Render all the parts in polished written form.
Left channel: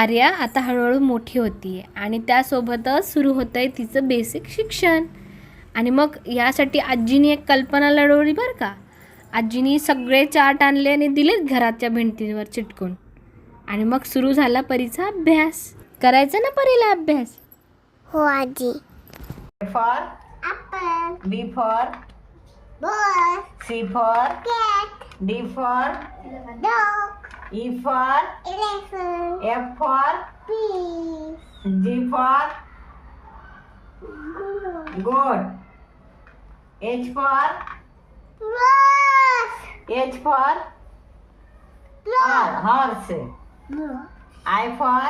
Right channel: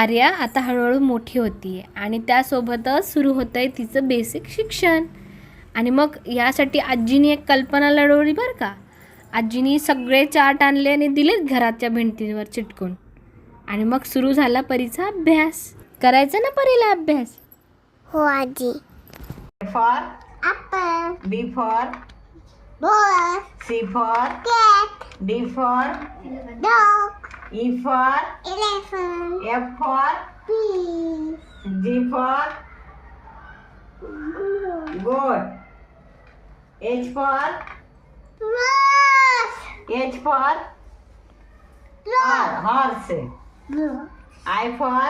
आर्या आता हळूहळू मोठी होती आहे आणि त्यासोबतच सुरू होतं आहे तिचं बेसिक शिक्षण. आणि मग यासाठी आजीने एक कल्पना लढवली बरं का. आजीने सगळे चार्ट आणले आणि दिलेच घराच्या भिंतीवर चिटकून. आणि मग सुरू झाला परीचा अभ्यास. करायचा ना परीला अभ्यास? हो आजी. for Apple. B for Ball. C for Cat. D for Dog. E for Elephant. F for Bee. G for goat, H for Rose. H for horse, Blue. I for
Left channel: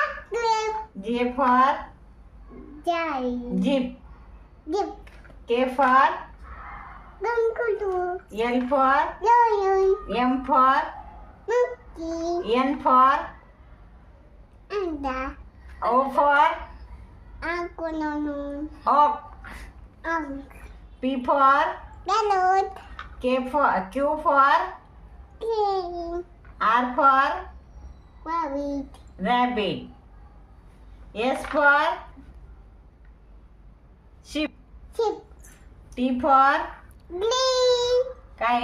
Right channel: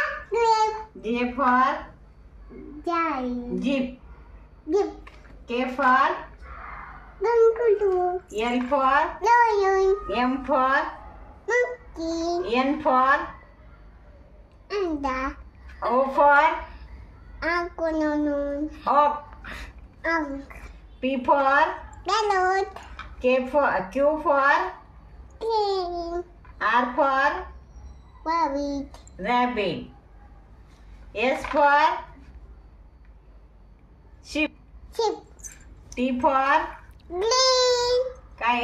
Apple. J for Giant. jeep, Dip. K for Kangaroo. L for Lion. M for Monkey. N for Panda. O for Aquanaut. oak, Unk. P for Parrot. Q for King. R for Rabbit. rabbit, S for sheep, Sheep. T for Green. काय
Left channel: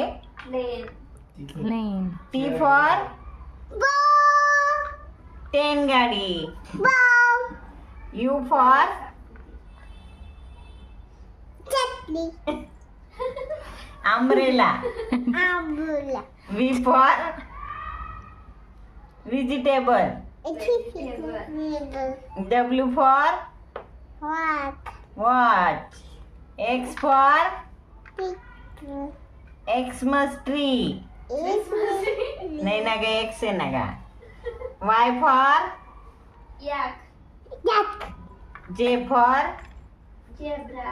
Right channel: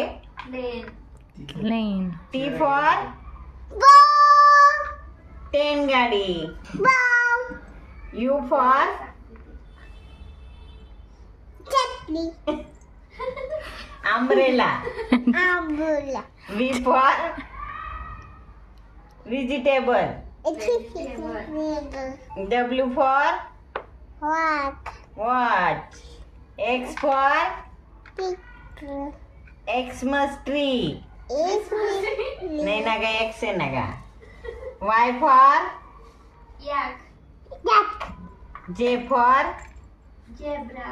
लेन. T for Ball. train गाडी, Ball. U for Chutney. umbrella, Umbrella. V for vegetable, A chicken. W for What? watch, X for Picture. Xmas tree, Is नाही ना ग X आहे ना ग, Y for Duck. J for Zebra.